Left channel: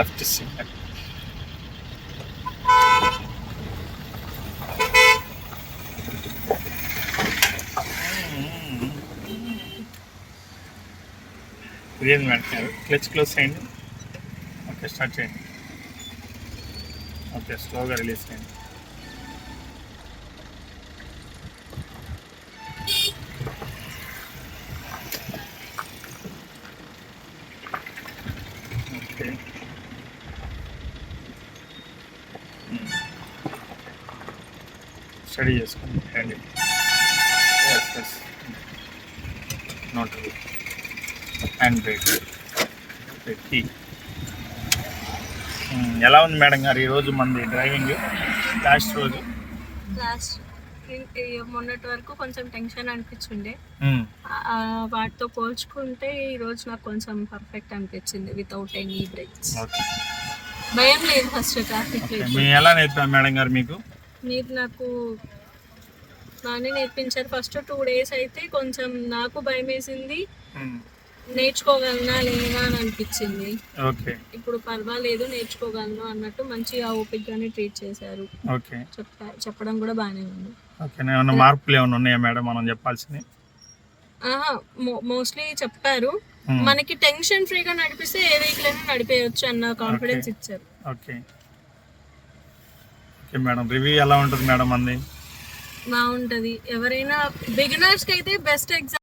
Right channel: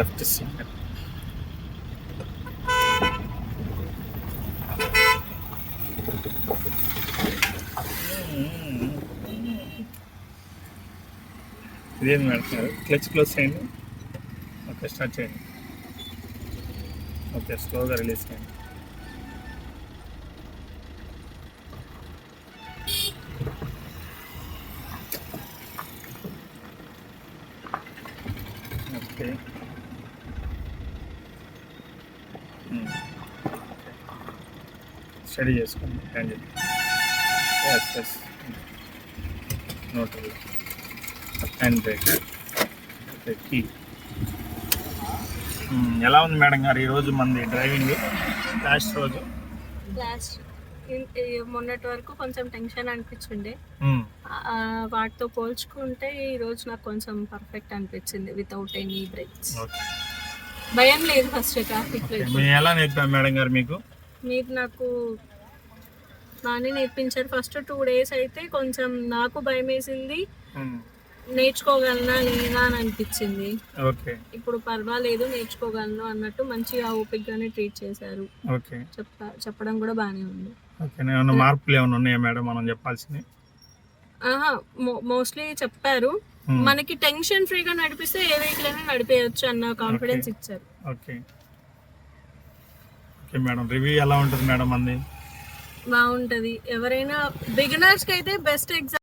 Left centre. ఇదేం పెడతారు, clutch close చేయండి. ఓకే, స్టార్ట్ చేయండి. ఓకే, స్లోగా రిలీజ్ చేయండి. ఓకే, స్టడీ చేసుకోండి. హ్యాండిల్ ఎస్ ఎస్ నోట్ హ్యాండ్ బ్రేక్. Okay, key. ఎలా ఉంది మేడం గారు ఈరోజు మంది డ్రైవింగ్? లాస్ట్ రోజు మొన్నటి వరకు కొంచెం టెన్షన్ అనిపించిండే, వాటితో పోల్చుకుంటే ఈ రోజు నాకు కొంచెం పర్ఫెక్ట్ అనిపించింది. వితౌట్ ఎనీ బ్రేక్స్, భయం లేదు. ఫస్ట్ ట్రాఫిక్ ఎలా నేర్పారు మేడం గారు మీకు? మీరు నాకు బాగానే నేర్పించారు. ఫస్ట్ 2 days అయితే కొంచెం నాకు భయం వేసింది, నేర్చుకోగలనా లేదా అని అనిపించింది. ఇప్పుడు పర్వాలేదు, నేర్చుకోగలను అన్నట్టు మంచిగా ఓపికగానే ట్రీట్ చేశారు. చెప్పడం కూడా బాగానే ఉంది. మార్పులు ఏమైనా ఉన్నాయా మేడం మనం చెప్పాల్సింది? మోస్ట్లీ చెప్పారు. మనకి టెన్షన్ ఫ్రీగా నడిపిస్తే ఏ వెహికల్ అయినా నడిపేయచ్చు అన్న కాన్ఫిడెన్స్ ఇచ్చారు. ఓకే మేడం, రివ్యూ ఎలా ఉంటుంది మేడం? అంది బాగుంటది. ఎవరైనా బిగినర్స్ కి అయితే బెస్ట్ ఎగ్జామ్.